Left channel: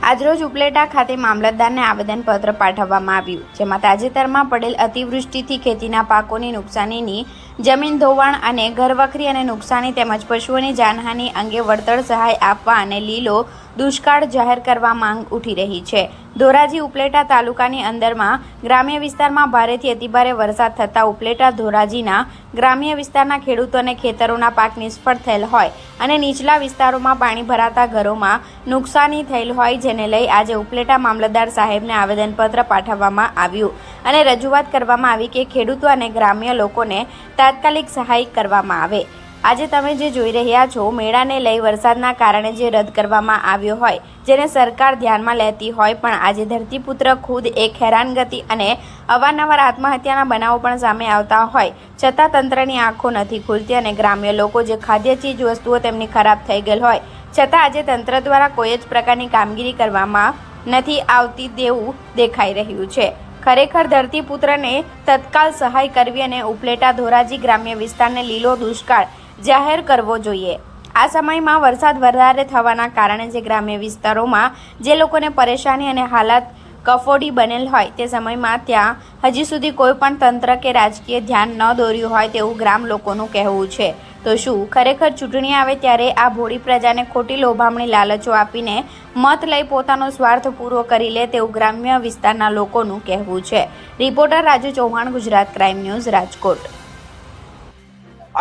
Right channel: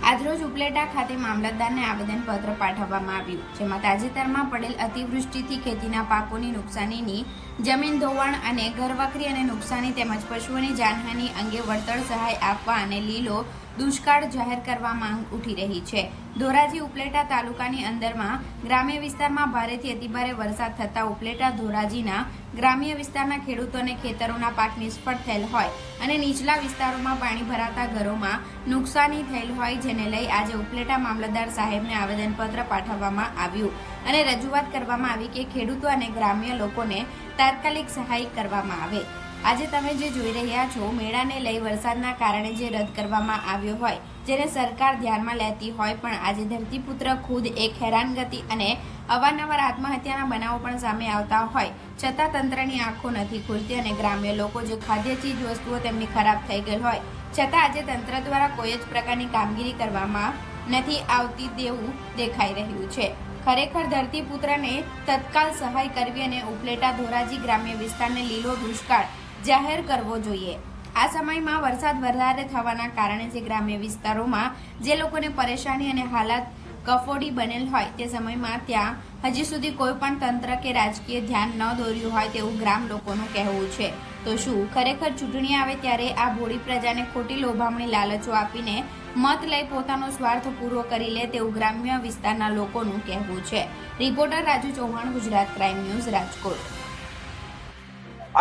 આજરોજ ઉપલેટા ખાતે મામલતદારને આવેદનપત્ર પાઠવવામાં આવ્યું જેમાં તાજેતરમાં પડેલ અતિવૃષ્ટિથી ખેતીના પાકોની નુકસાનીની જમીન ધોવાણ અને ઘરવખરી અને નુકસાની તેમજ પશુઓની જાનહાનિ અંગે વળતર સહાય આપવા અને લીલો દુષ્કાળ જાહેર કરવા માંગ ઉઠી રહી છે. ધોરાજી ઉપલેટા તાલુકાની અંદરમાં ગ્રામ્ય વિસ્તારમાં ભારેથી અતિભારે વરસાદ થતાં ઉપલેટા ધોરાજીના ગ્રામ્ય વિસ્તારના ખેડૂતોને ખેતરોના પાક નિષ્ફળ થયેલ હોય અને નીચલા વિસ્તારોમાં પાણી ભરાતા ઘરોમાં નુકસાની થયેલ હોય જેને લઈ આજે ઉપલેટા મામલતદાર સાહેબને આવેદનપત્ર પાઠવવામાં આવ્યું. અને રજૂઆત કરવામાં આવી કે ખેડૂતો અને ગ્રામ્ય લોકોને તાત્કાલિક સહાય કરવામાં આવે. આજે તમે જે જોઈ રહ્યા છો, મેળાને લઈ વરસાદના કારણે જે રદ કરવામાં આવ્યો હોય, જેને સરકાર ધ્યાનમાં લેતી હોય, પણ આજે ધરતીપુત્ર ખુદ એક હેરાનગતિ અને અવારનવાર આત્મહત્યાના બનાવો પણ સામે આવતા હોય. છતાં તંત્રની આંખો નથી ખુલતી અને ગ્રામ્ય લોકો જે ખાદ્ય, ચીજ, વસ્તુઓ તેમની ખરાબ થઈ ગયેલ હોય, છતાં આજે તંત્ર દ્વારા કોઈ જ પ્રકારની કામગીરી કરવામાં નથી આવતી તેવું દેખાઈ રહ્યું છે. ખરેખર ધરતીપુત્રને તત્કાલ સહાય કરવી અને ઉપલેટા ધોરાજી ગ્રામ્ય વિસ્તારને લીલો દુષ્કાળ જાહેર કરવો જોઈએ. આ સમયમાં વરસાદ વધારે થવાના કારણે જે ગ્રામ્ય વિસ્તારોમાં જે લોકોને પરેશાની અને હાલાત કફોડી બનેલ હોય તે સમયમાં ત્યાં હજી સુધી કોઈ પણ તંત્ર કે રાજકીય ધ્યાન ન દોર્યું હોય તેવું ગ્રામ લોકોનું કહેવું છે. તો શું, ખરેખર ચૂંટણી આવે ત્યારે આ ભોળી પ્રજાને ખોટી લોભામણી લાલચો આપીને મત લઈ પોતાનો સ્વાર્થ પૂરો કરી લે તેવું ગ્રામ્ય વિસ્તારના લોકોનું કહેવું છે. Reporter Raju Chauhan, Gujarat crime news, Rajkot.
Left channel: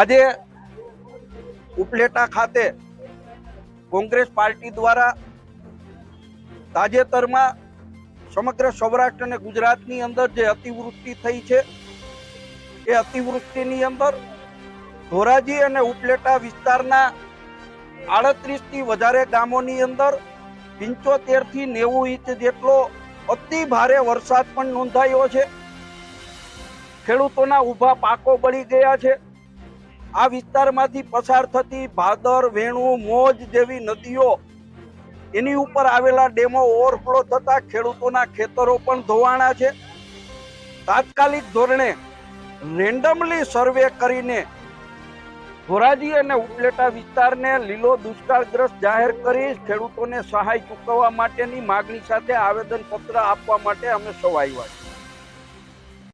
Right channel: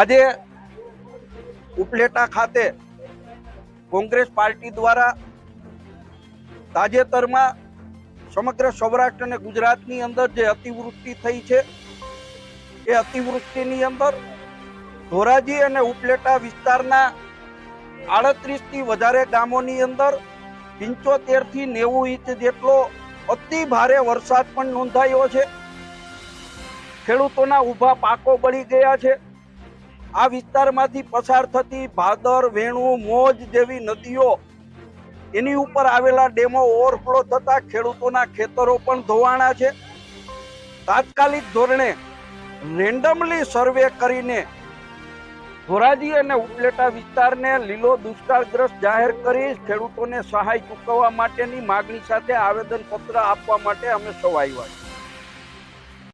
આજે ઉપલેટા ખાતે કોંગ્રેસ પાર્ટી દ્વારા તાજેતરમાં સમગ્ર સૌરાષ્ટ્ર અને ગુજરાતની અંદર જે અતિવૃષ્ટિ થઈ છે, એ અતિવૃષ્ટિની અંદર ધોરાજી અને ઉપલેટા વિસ્તારના આડત્રીસથી વધારે ગામોની અંદર પંચોતેરથી નેવું ઇંચ જેટલો અતિ ભારે વરસાદ પણ નોંધાયો છે. ખેડૂતોના ઊભા પાકો બળી ગયા છે. આ વિસ્તારમાંથી પસાર થતી ભાદર, વેણુ, મોજ જેવી નદીઓ એની ઉપર આવેલા ડેમો ઓવરફ્લો થતા ખેડૂતોના ખેતરો પણ ધોવાણા છે. તાત્કાલિક ધોરણે રેન્ડમલી સર્વે કરીને ધોરાજી અને ઉપલેટા વિસ્તારને લીલો દુષ્કાળગ્રસ્ત જાહેર કરી ખેડૂતોને સહાય ચૂકવવા માટેની માગણી સાથે આવેદનપત્ર આપવા માટે અમે સૌ છીએ.